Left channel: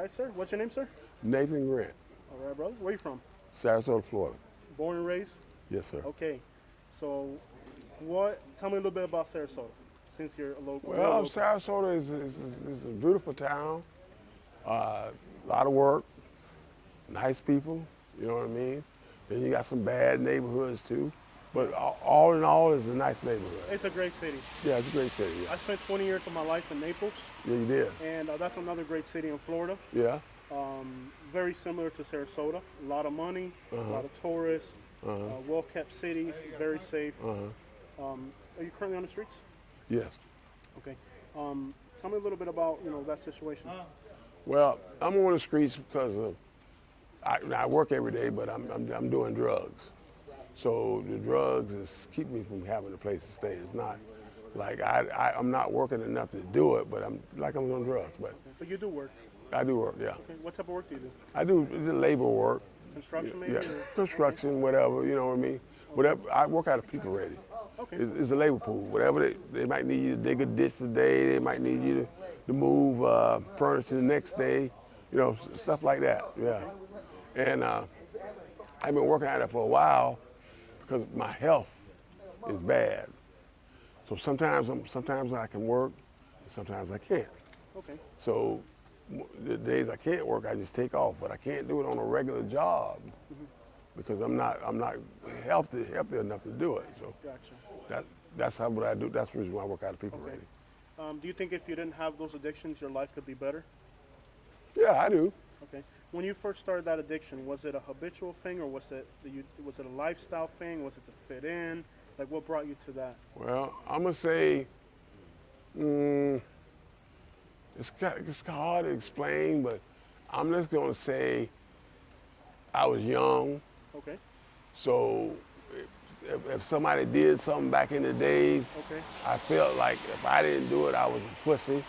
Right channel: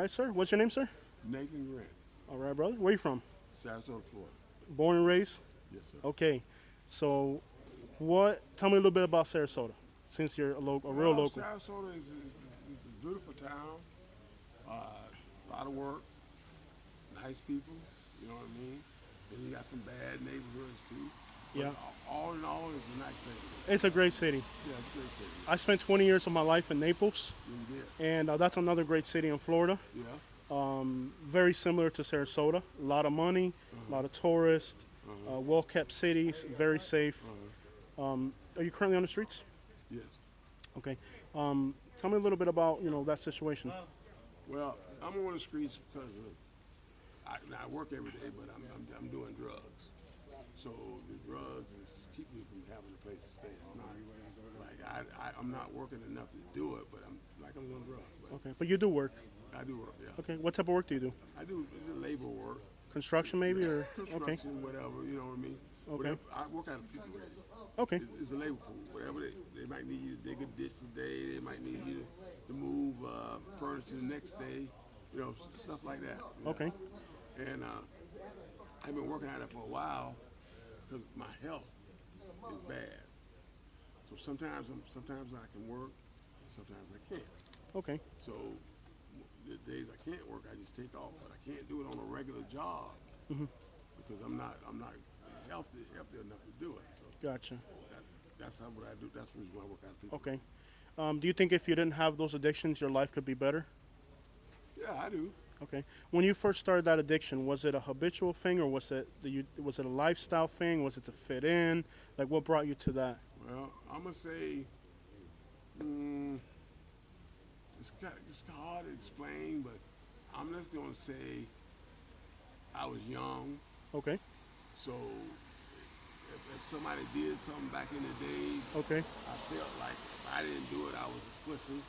Hi, sir. What's your name, sir? Nathan Grant, All right, brother. Where you from? Sarasota, Florida. Born and raised? Yes, sir. Okay. So, tell me a little bit about Sarasota, since you're a real Well, local. Sarasota is a beautiful town. A lot of work, nice people. You know what I mean. Then you got some bad neighborhoods too. But Yeah. all in all, it's a nice neighborhood. It's a great city. Yeah, it's a great city. Yeah, I spent 20 years of my life in Naples, yeah you did. and that's another great city in Florida. Yeah. Very similar to Sarasota. A lot of money, a lot of tourists, well-kept cities, very safe. Are you currently on the streets? Yes. Okay. Tell me a little bit about that situation. Well, I'm on the streets because I work every day, but I'm doing drugs. So the drugs is keep me from having a place to stay. It's not like I'm not working enough to do it, but I'm on drugs. But Okay. But you do work. I do work, yeah. Okay. What type of work do you do? I do the labor work, Construction, maybe? yeah, Or? construction, whatever, you know what I mean? Whatever, I work out of people ready. Okay. It's the labor pool. Whatever they might need you to dig a ditch today, they might need you to move furniture the next day, stuff like that. Yeah. Okay. And I've been working at it for a while because my health is bad. So sometimes I can work, sometimes I can't. Okay. So the days I can't work, I just take off. But I can't do it on a regular job because I'm not healthy enough to do it. So Gotcha. that's what I do. That's the reason why I work out of people. Okay. Ready. Do you think if you didn't have those addictions, your life could be better? Yeah, I do. Okay. When you first started that addiction, was it a habitual thing, or was it a lifestyle thing? Was it to fit in? Like, what brought you to that? Well, I'm gonna say it's hard to explain, but I'm just gonna say I was young. Okay. So if somebody did something back in the days, Okay. I felt like if I didn't do it, I was a pussy.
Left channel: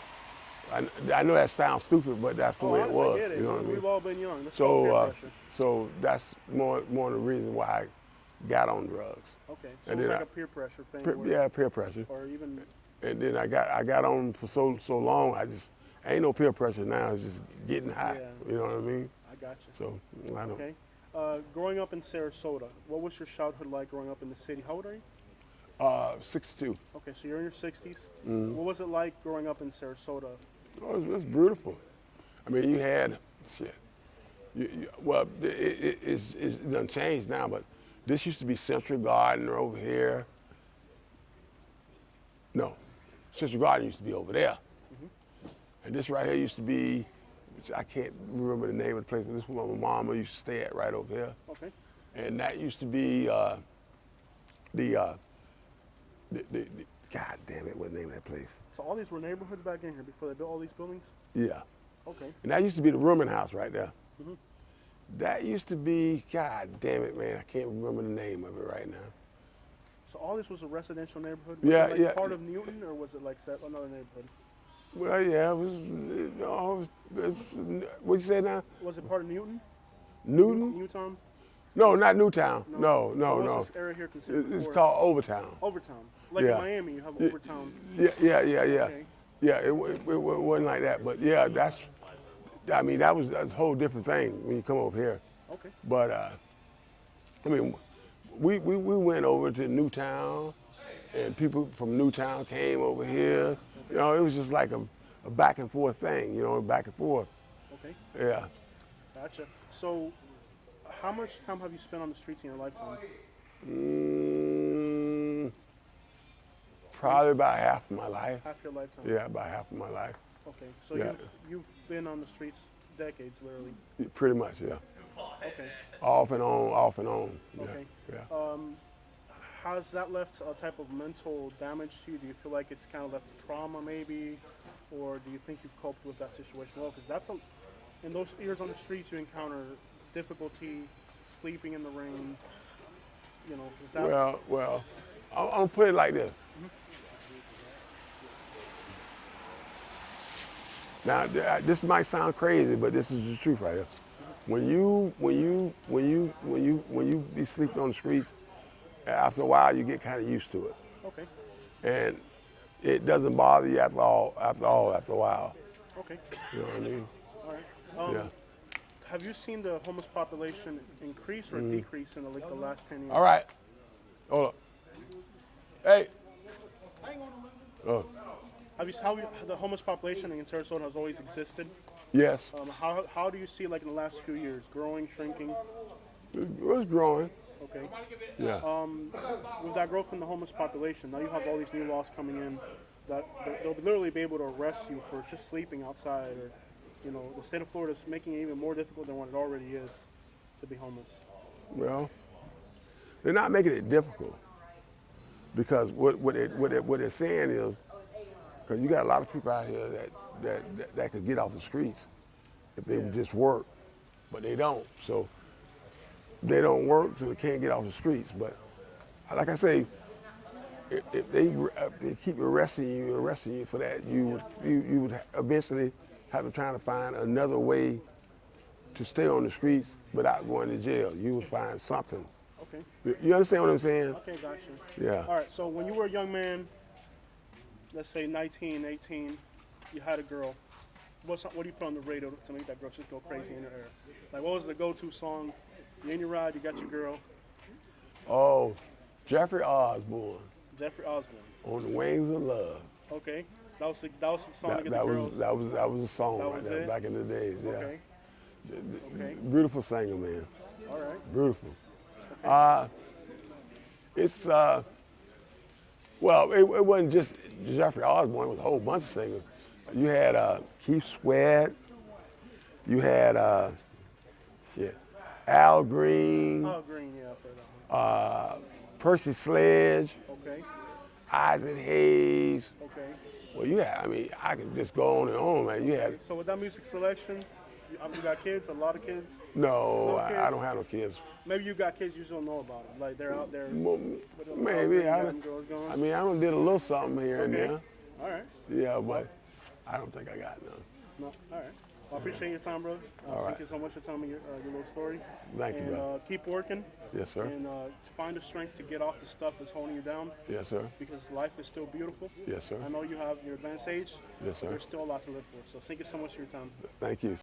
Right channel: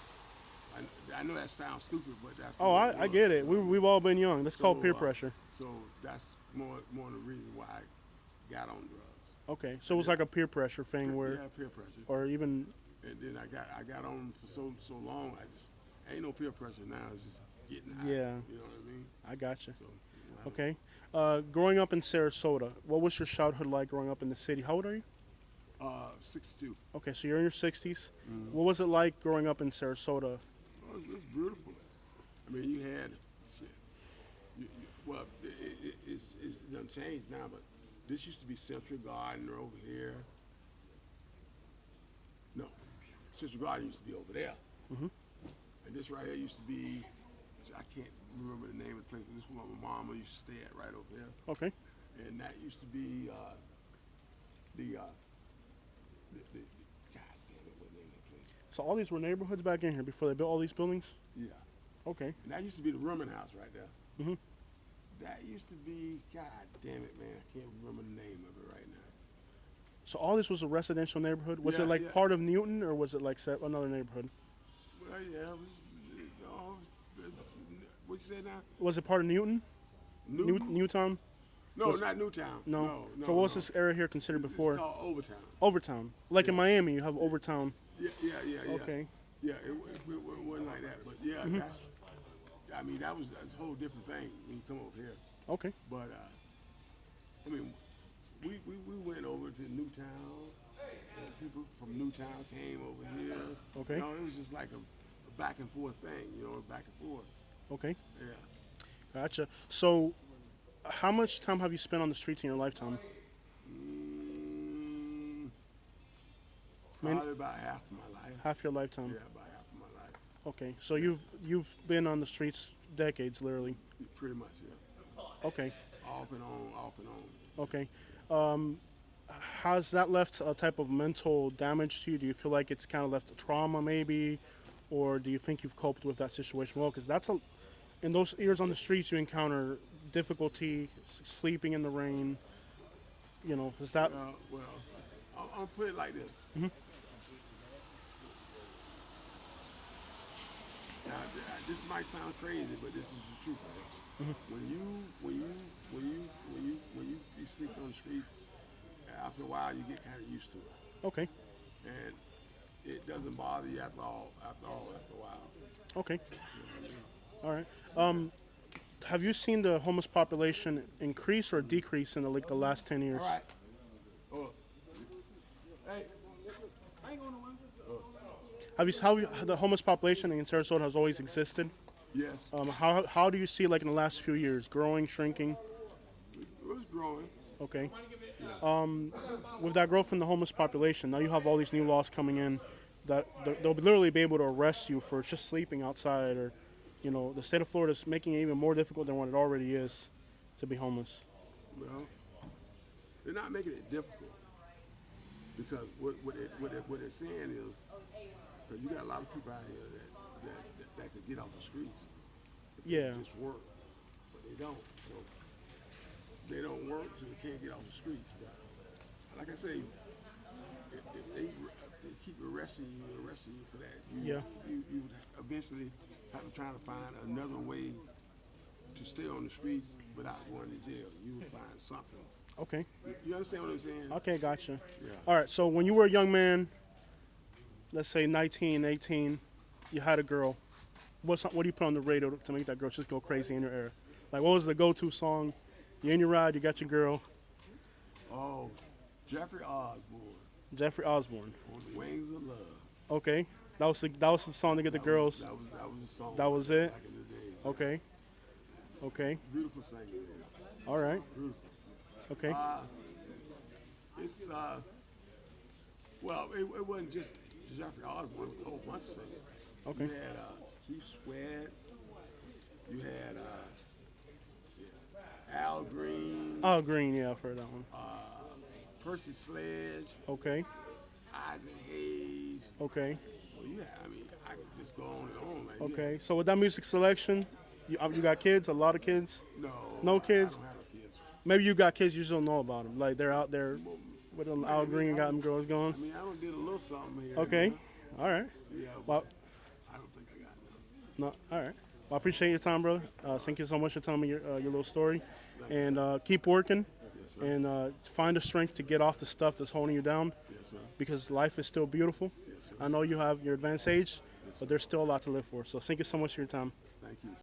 I know that sounds stupid, but that's the way it was. I get it. You know what I mean? We've all been young. That's called peer pressure. So that's more the reason why I got on drugs. Okay. So And it was then like a peer pressure thing, Yeah, peer pressure. or even. And then I got on for so long. Ain't no peer pressure now. It's just getting high. Yeah. You know what I mean? I got you. So I don't. Okay. Growing up in Sarasota, what was your childhood like growing up in the city? How old are you? 62. Okay, so you're in your 60s. What was it like growing up in Sarasota? Oh, it's beautiful. I mean, you had shit. Well, it's done changed now, but this used to be Central Garden over here. No, Central Garden used to be over there. And this right here used to be, which I can't remember the name of the place, but this was where my mama used to stay at right over here. Okay. And that used to be the God damn it, what the name of that place? So all these were neighborhoods back in here before they built all these buildings? Yeah. Okay. And that used to be the rooming house right there. That used to be, God damn it, man, I can't remember the name of it right now. So all this was a residential neighborhood? Was Yeah, it like yeah. part of Newton, or was it like another neighborhood? Well, yeah, what'd you say now? Was it part of Newton? Newton? Newtown? No, not Newtown. No. No, So no, what was no. this area here considered It's before? called Overtown. Overtown. Like in Yeah. Miami, you have Overtown. Yeah. Okay. Yeah, it wasn't like that, but yeah, that was a whole different thing when you come over here. Okay. But I mean, we went over to Newtown, and people from Newtown came over here. Okay. It was just like a back and forth thing, back and forth. Okay. Yeah. Gotcha. So how much time have you spent on the streets in your lifetime? Probably about half of my life. Half your lifetime? Yeah, about half of my life. Okay. So Yeah. you've been on the streets decades, literally. Pretty much, yeah. Okay. Off and on, off and on. Yeah, Okay. Yeah. Has that left a type of mental damage to you? Do you feel like it's kind of left a trauma, maybe, or do you think you've coped with that situation well? Because in those years on the streets, you encounter difficulty sleeping in the rain. Is that? Well, I'm gonna put it like this. Now, this might sound crazy, but this is the truth right here. When you be sleeping on the streets, after a while you get kind of used to it, Okay. and it doesn't bother you after a while. Okay. You know what I mean? All right. Yeah. Have you seen the homeless population increase or decrease in the last 10 years? All right. Hold up. Hey. Oh, How the homeless population in Sarasota has always existed? yes. How do you see it like in the last few years? Growing, shrinking? It was growing. Okay. Yeah. With that growth in the homeless population, now you have all these new laws coming in that they'll literally be able to arrest you for just sleeping outside, or, the state of Florida is making it even more difficult than what it already is to be homeless. Well, they're not making it difficult because what they're saying is, because you got a lot of people out here that could get off the streets if they would just work, but they don't. So they don't work, so they can't get off the streets. But like I say, if they keep arresting you for that, you would eventually have to try to find another way to stay on the streets without going to jail. You would find something. Okay. You understand what I'm saying? Okay, gotcha. Yeah. All right, so when you were a young man, let's say 19, 18, you had a girl. What do you put on the radio to make that girl just go crazy in your ear? Like, what was the go-to song? You're in your ride, you got your girl. Oh, Jeffrey Osborne, Jeffrey Osborne. On the Wings of Love. Okay. That was the song to get the girls. That was a song. That was it? Back in the days. Yeah. Okay. Okay. Beautiful singer, man. All right. Beautiful. Okay. It's well, it wasn't just Jeffrey Osborne. It was a whole bunch of singers. You had Keith Sweat. You had Al Green. Oh, Green, yeah, I've heard that one. Percy Sledge. Okay. Isaac Hayes. Okay. Well, I mean, I can just go on and on, man. You Okay. have So with that music selection, you got kids, a lot of kids. no kids? I don't have no kids. Maybe you got kids, you just don't know about them. Like they're out there with them Al Maybe Green, got them girls going. I mean, I done did a little something here and Okay. there. All right. Yeah, but I don't think I got none. No. All right. Well, I appreciate your time, brother. Thank you so much for telling me your little story. Thank you, And brother. keep working. Yes, sir. And find the strength to get off the stuff that's holding you down, Yes, sir. because life is still beautiful. Yes, sir. I know you have your advanced age, Yes, sir. but there's still a lot to live for. So thank you so much for your time. Thank you.